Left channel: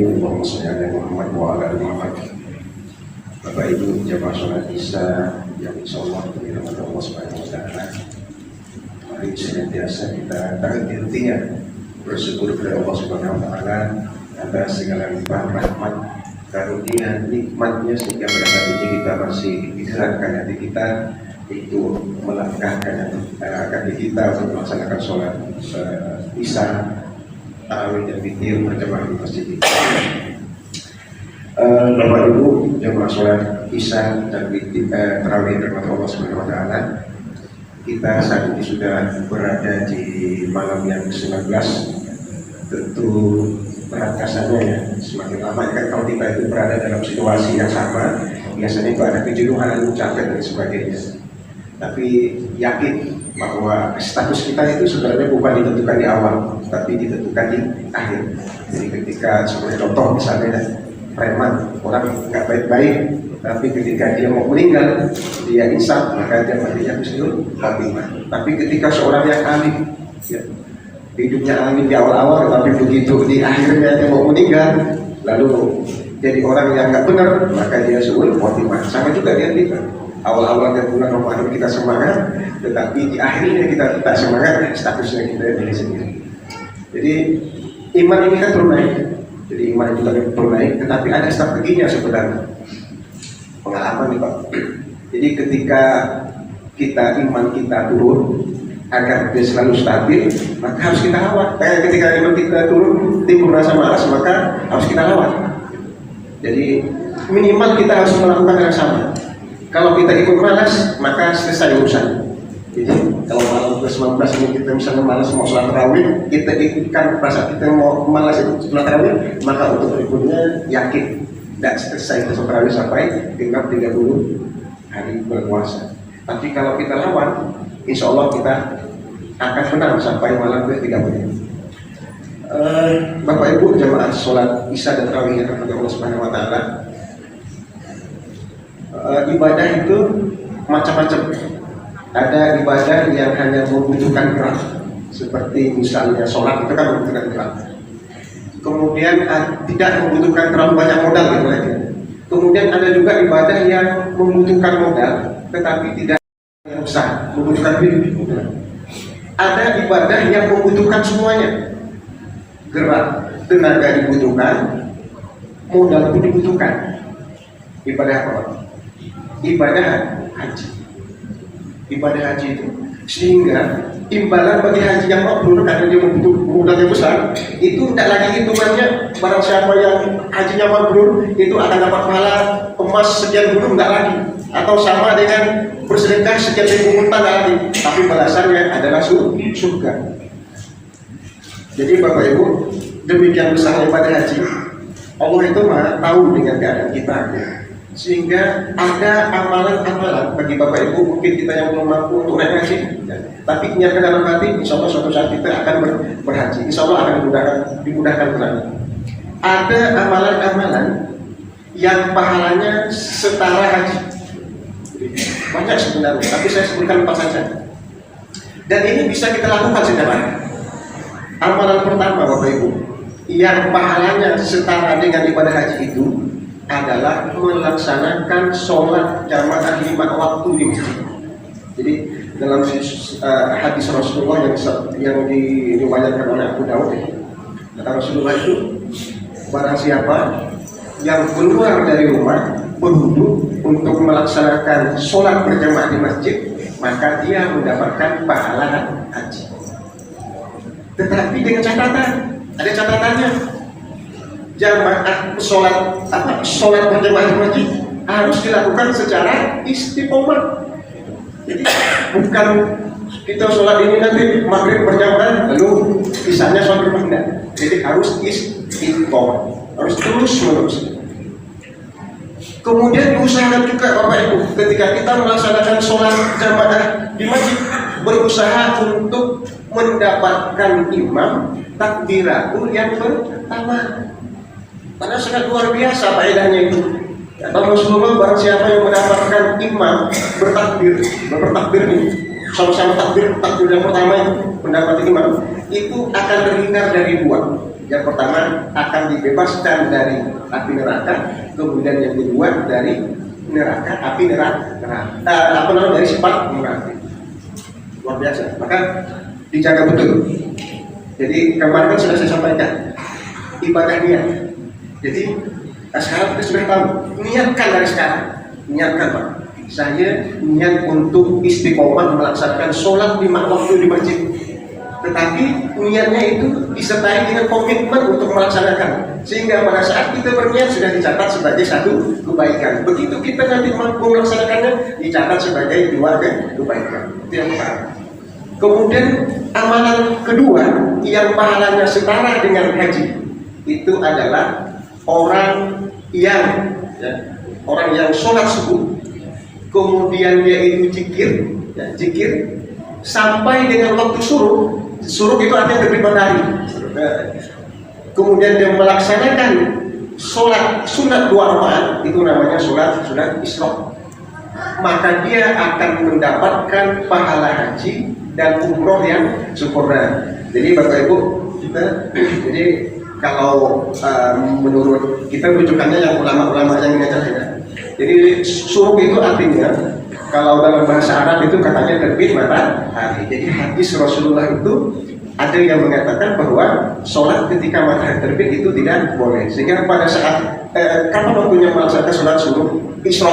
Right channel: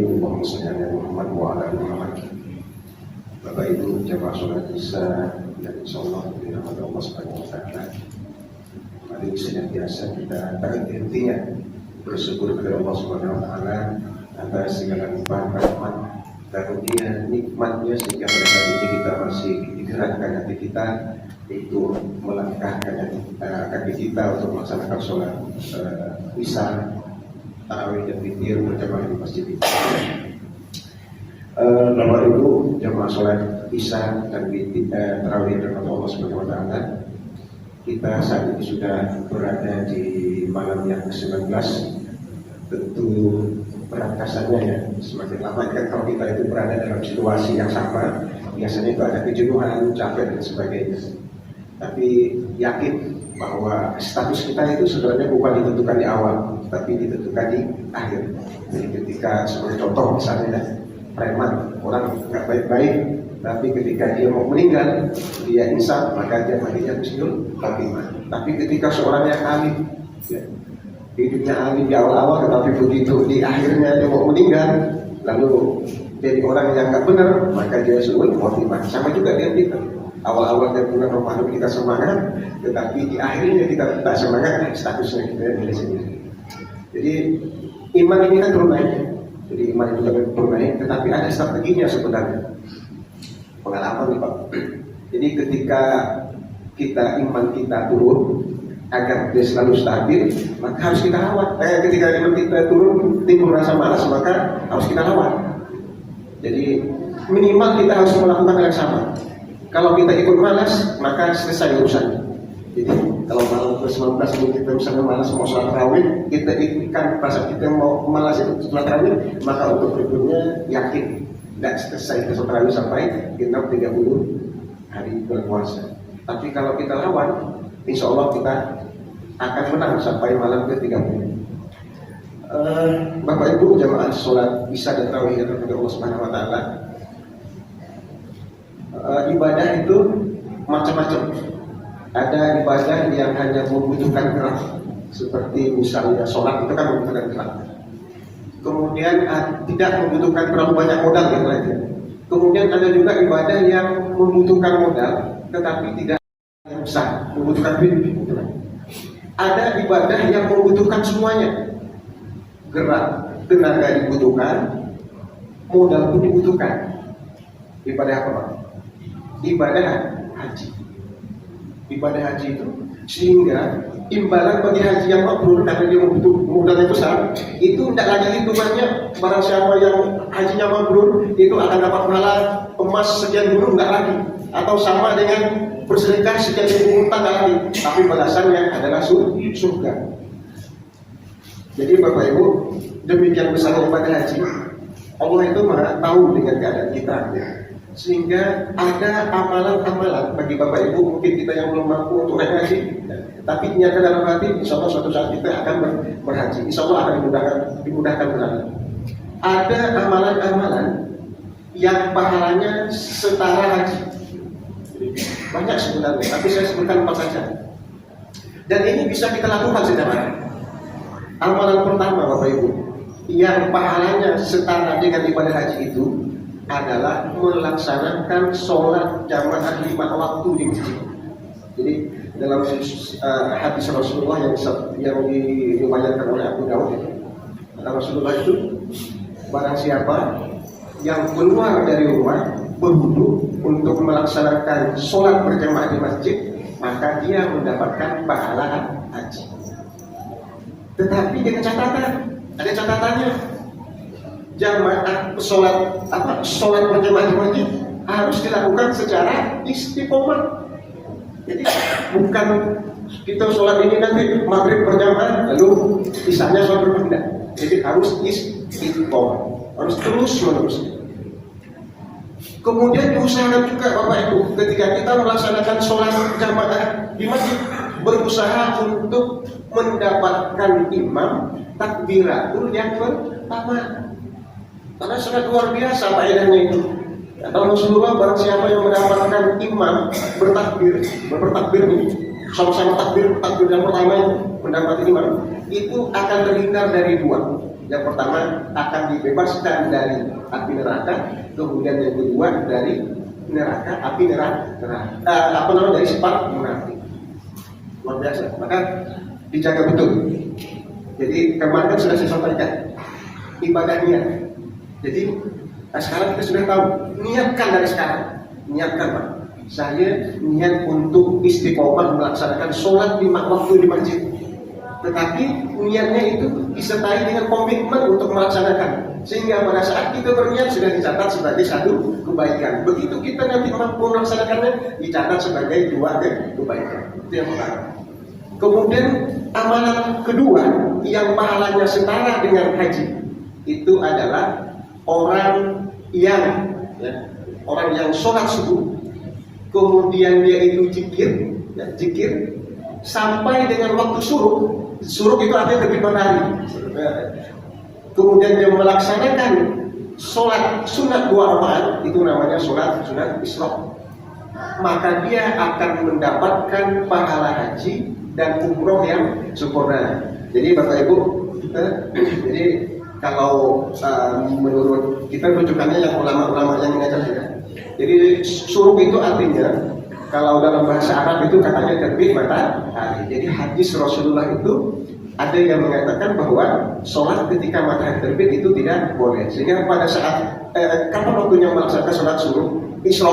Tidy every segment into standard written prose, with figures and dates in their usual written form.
Amin. Allahumma sholli ala Muhammad wa ala ali Muhammad. Bapak Ibu jamaah sholat Isya yang insyaallah dirahmati Allah Subhanahu wa taala. Mari senantiasa kita tak henti-hentinya bersyukur kepada Allah Subhanahu wa taala atas segala limpahan rahmat, karunia, nikmatnya sehingga pada hari ini kita masih digerakkan hati kita itu melangkahkan kaki kita untuk melaksanakan sholat Isya, tarawih dan witir berjamaah di masjid ini. Bapak Ibu jamaah sholat Isya dan witir tarawih berjamaah Allah Subhanahu wa taala. Kita saat ini sudah berada di malam yang ke-19. Tentu perangkasannya ya semakin lama kan kalau kita itu berada dalam situasi yang sama, biasanya itu ada kejenuhan, capek dan sebagainya. Tapi yakin bahwa status kita itu sebenarnya bukan ditentukan di awal, tapi ditentukan di akhir. Jadi ketika seperti contoh misalnya preman, orang nggak baik-baik, tapi ketika dia mau meninggal, dia insaf, maka dia matinya husnul khatimah. Tapi ketika seorang yang alim, ya, hidupnya alim di awal-awal, tapi begitu di akhirnya dia mau meninggal, lalu jadi orang yang nggak benar, maka dia suul khatimah. Sama juga dia kita. Awal-awal bulan Ramadan kita semangat, tetapi di akhirnya kita tidak semangat, statusnya kita diri sendiri. Jadi iman ini kan terus naik. Jadi iman itu kan terus naik, tetapi ada strateginya sebenarnya. Pengalaman nih Pak. Jadi ketika iman kita turun, agar dia selalu stabil, maka harus kita lawan. Kayak ketika iman kita turun, timbul rasa malas, maka harus kita lawan. Jadi minimal kita harus melakukan hal yang sama. Kalau kita ikut malas, maka selesai urusan. Jadi kalau malam ke-19 ini kita misalnya malas mau sholat tarawih, kita ikutkan perasaan kita mau malas ikut sholat tarawih, maka untuk berikutnya yakin tidak selesai sholat tarawih sampai genap 30 hari berpuasa. Tapi kalau kita lawan, insya Allah kita akan menang sampai malam ke-30. Bapak Ibu jamaah sholat Isya dan tarawih yang dirahmati Allah Subhanahu wa taala. Ibadah itu macam-macam. Ada ibadah yang hanya membutuhkan gerak, seperti misalnya sholat itu kan membutuhkan gerak. Kemudian tidak membutuhkan terlalu banyak modal gitu lagi. Kemudian ada juga ibadah yang membutuhkan modal, tetapi tidak besar, membutuhkan hidup. Ada ibadah yang membutuhkan semuanya. Gerak, tenaga dibutuhkan, modal pun dibutuhkan. Ibadah apa Pak? Ibadah haji. Ibadah haji itu sehingga imbalan bagi haji yang mabrur karena dia membutuhkan modal yang besar, itu tidak lagi hitungannya barang siapa yang hajinya mabrur itu akan dapat pahala emas sekian gunung, tidak lagi, atau sama dengan bersedekah sekian ribu unta, tidak lagi, tapi balasannya adalah surga. Jadi Bapak Ibu, demikian besar ibadah haji, Allah itu Maha tahu dengan keadaan kita. Sehingga ada amalan-amalan bagi Bapak Ibu, mungkin kita yang belum mampu untuk naik haji, ya. Tapi niatkan dalam hati, insya Allah suatu saat kita akan berhaji, insya Allah akan dimudahkan nanti. Ada amalan-amalan yang pahalanya setara haji, banyak sebenarnya, tapi saya sebutkan 4 saja. Dan ini bisa kita lakukan secara. Amalan pertama Bapak Ibu, yang pahalanya setara dengan ibadah haji itu adalah melaksanakan sholat jamaah 5 waktu di masjid. Jadi dalam hadis Rasulullah yang diriwayatkan oleh Abu Dawud, kata Rasulullah itu, barang siapa yang keluar dari rumah berwudu untuk melaksanakan sholat berjamaah di masjid, maka dia mendapatkan pahala haji. Tetapi dengan catatan, ada catatannya. Jamaah sholat berjamaah di masjid harus dilakukan secara istiqomah. Jadi bukan kita sholat ini nanti maghrib berjamaah lalu sisanya sholat berjamaah. Jadi harus istiqomah, harus terus menerus. Kemudian diusahakan juga Bapak Ibu, ketika kita melaksanakan sholat jamaah di masjid, berusaha untuk mendapatkan imam takbiratul yang pertama. Karena sangat luar biasa faedahnya itu. Kata Rasulullah, barang siapa yang mendapatkan imam bertakbir ini, sama-sama takbir yang pertama yang mendapatkan imam, itu akan terhindar dari 2. Yang pertama akan dibebaskan dari api neraka, kemudian yang kedua dari neraka, api neraka. Dari sifat neraka. Luar biasa. Maka dijaga betul. Jadi kemarin sudah saya sampaikan ibadah niat. Jadi sekarang kita sudah tahu, niatkan dari sekarang. Niatkan Pak. Saya niat untuk istiqomah melaksanakan sholat 5 waktu di masjid. Tetapi niatnya itu disertai dengan komitmen untuk melaksanakan, sehingga pada saat kita berniat sudah dicatat sebagai satu kebaikan. Begitu kita nanti mampu melaksanakannya, dicatat sebagai 2 kebaikan. Itu yang pertama. Kemudian amalan kedua yang pahalanya setara dengan haji, itu adalah orang yang sholat subuh, kemudian dia itu zikir sampai dengan waktu syuruk. Syuruk itu artinya terbit matahari. Kemudian dia melaksanakan sholat sunat 2 rakaat, itu namanya sholat Isra. Maka dia akan mendapatkan pahala haji dan umroh yang sempurna. Jadi Bapak Ibu, jadi kalau menurut kita rujukannya yang ulama-ulama yang mengajarkan. Jadi syuruk itu artinya, kalau dalam bahasa Arab itu katanya terbit matahari. Jadi hadis Rasulullah itu ada yang mengatakan bahwa sholat ketika matahari terbit itu tidak boleh. Sehingga pada saat kapan waktunya melaksanakan sholat subuh Isra,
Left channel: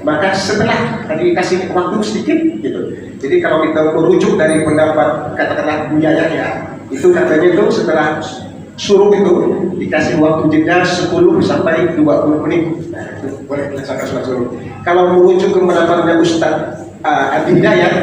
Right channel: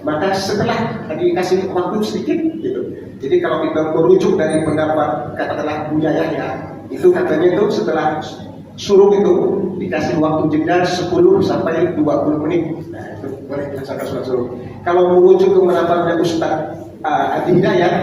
maka setelah tadi dikasih waktu sedikit gitu. Jadi kalau kita merujuk dari pendapat katakanlah Buya Yahya, itu katanya itu setelah suruh itu dikasih waktu jeda 10 sampai 20 menit. Nah, itu boleh dilaksanakan sholat suruh. Kalau merujuk ke pendapatnya Ustaz Adi Hidayat,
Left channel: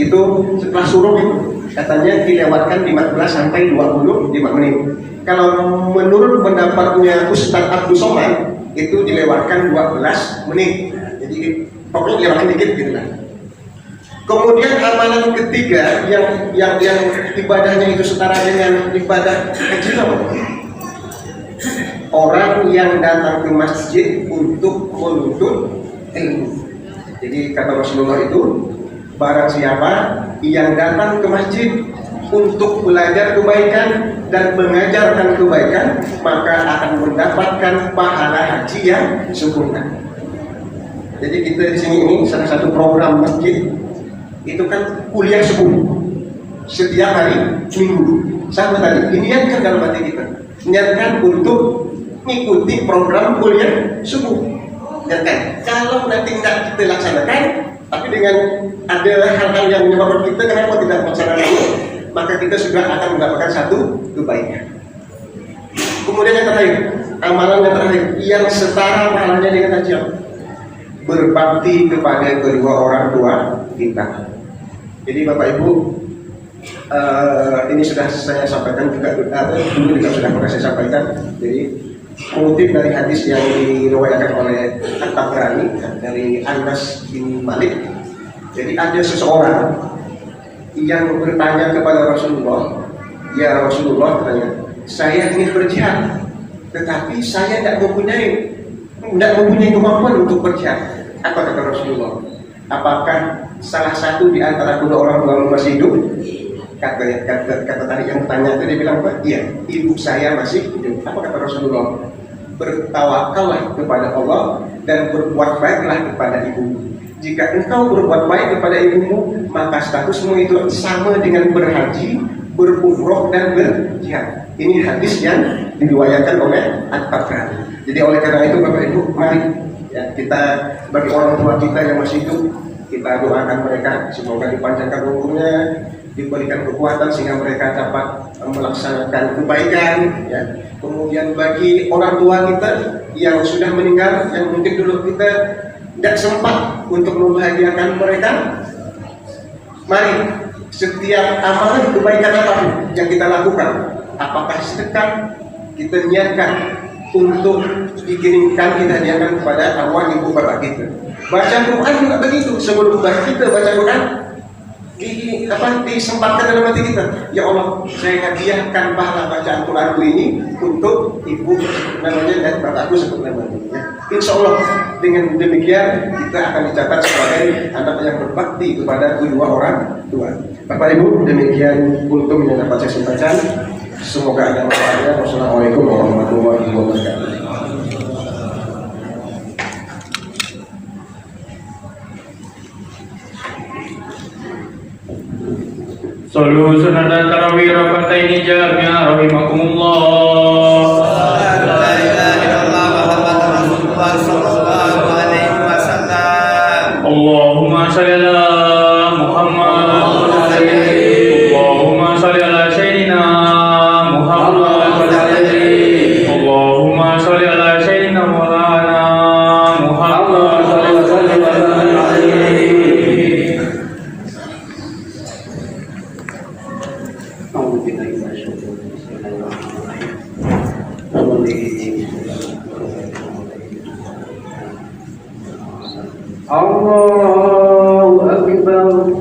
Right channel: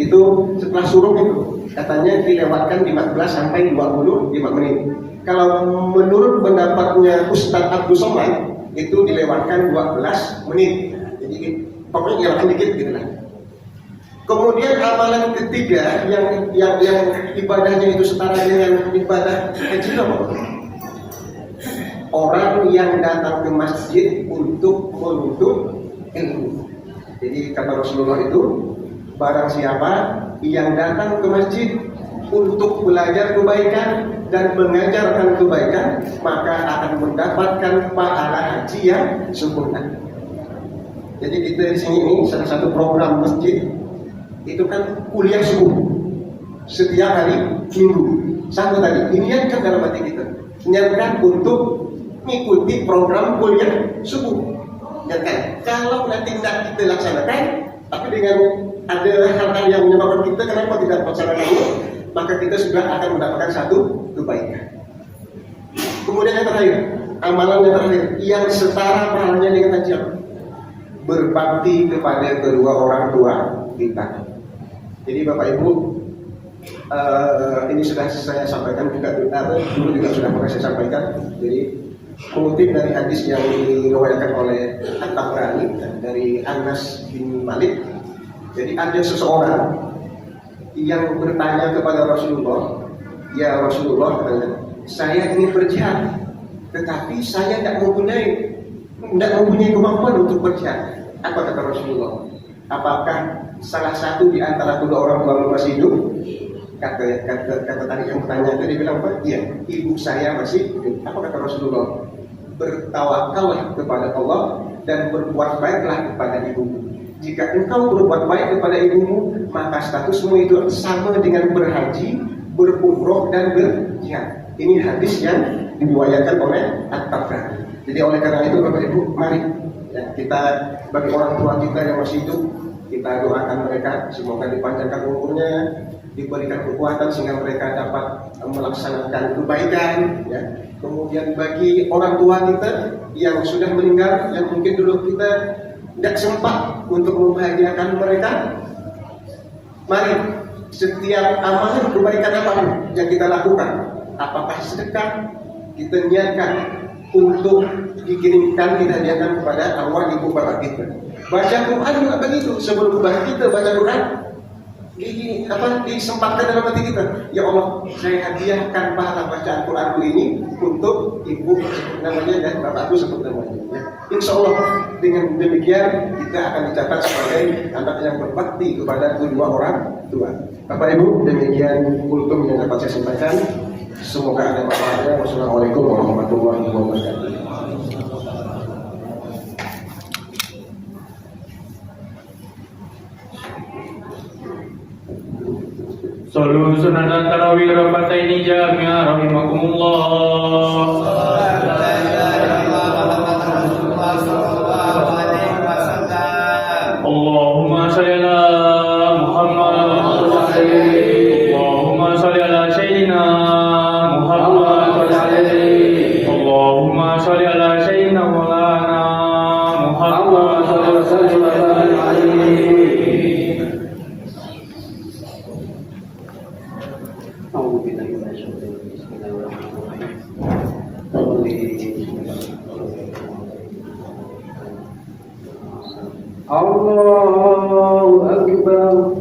itu setelah suruh itu katanya dilewatkan 15 sampai 25 menit. Kalau menurut pendapatnya Ustaz Abdul Somad, itu dilewatkan 12 menit. Jadi pokoknya dilewatkan dikit gitu lah. Kemudian amalan ketiga yang ibadahnya itu setara dengan ibadah haji apa? Orang yang datang ke masjid untuk menuntut ilmu. Jadi kata Rasulullah itu, barang siapa yang datang ke masjid untuk belajar kebaikan dan mengajarkan kebaikan, maka akan mendapatkan pahala haji yang sempurna. Jadi kita di sini ini salah satu program masjid itu kan kuliah subuh setiap hari minggu. Sama tadi diniatkan dalam hati kita, niatkan untuk mengikuti program kuliah subuh. Ya kan? Kalau nanti tidak kita laksanakan, tapi dengan ada hal-hal yang menyebabkan kita kenapa tidak melaksanakan, maka kita sudah akan mendapatkan satu kebaikan. Kemudian yang terakhir, amalan yang terakhir yang setara pahalanya dengan haji, berbakti kepada kedua orang tua kita. Jadi Bapak Ibu, ini sudah saya sampaikan juga dulu juga sudah pernah saya sampaikan. Jadi mengutip dari hadis yang diriwayatkan oleh At-Tabrani dari Anas bin Malik. Jadi ada seseorang yang bertanya kepada Rasulullah, ya Rasulullah, katanya, saya ingin berjihad, tetapi saya tidak mempunyai kemampuan untuk berjihad. Apa kata Rasulullah? Apakah salah satu di antara kedua orang tua masih hidup? Kata tadi yang bertanya tadi bilang apa? Iya, ibu saya masih hidup. Apa kata Rasulullah? Bertawakallah kepada Allah dan berbuat baiklah kepada ibu. Jika engkau berbuat baik kepada ibumu, maka statusmu itu sama dengan berhaji, berumroh dan berjihad. Ini hadis yang diriwayatkan oleh At-Tabrani. Jadi oleh karena itu Bapak Ibu, mari ya, kita bagi orang tua kita yang masih hidup, kita doakan mereka semoga dipanjangkan umurnya, diberikan kekuatan sehingga mereka dapat melaksanakan kebaikan ya. Kemudian bagi orang tua kita yang sudah meninggal, yang mungkin dulu kita tidak sempat untuk membahagiakan mereka, mari setiap amalan kebaikan apapun yang kita lakukan, apakah sedekah, kita niatkan untuk dikirimkan, kita hadiahkan kepada arwah ibu bapak kita. Baca Quran juga begitu, sebelum kita baca Quran disempatkan dalam hati kita, ya Allah, saya hadiahkan pahala bacaan Quranku ini untuk ibu namanya dan bapakku sebut namanya ya. Insya Allah dengan demikian kita akan dicatat sebagai anak yang berbakti kepada kedua orang tua. Bapak Ibu, demikian kultum yang dapat saya sampaikan. Semoga ada manfaatnya. Wassalamualaikum warahmatullahi wabarakatuh. Sallu sunatan tarawih raka'ataini jami'an rahimakumullah. Allahumma shalli ala Muhammad. Allahumma shalli ala Sayyidina Muhammad. Allahumma shalli ala Sayyidina Maulana Muhammad. Allahu Akbar.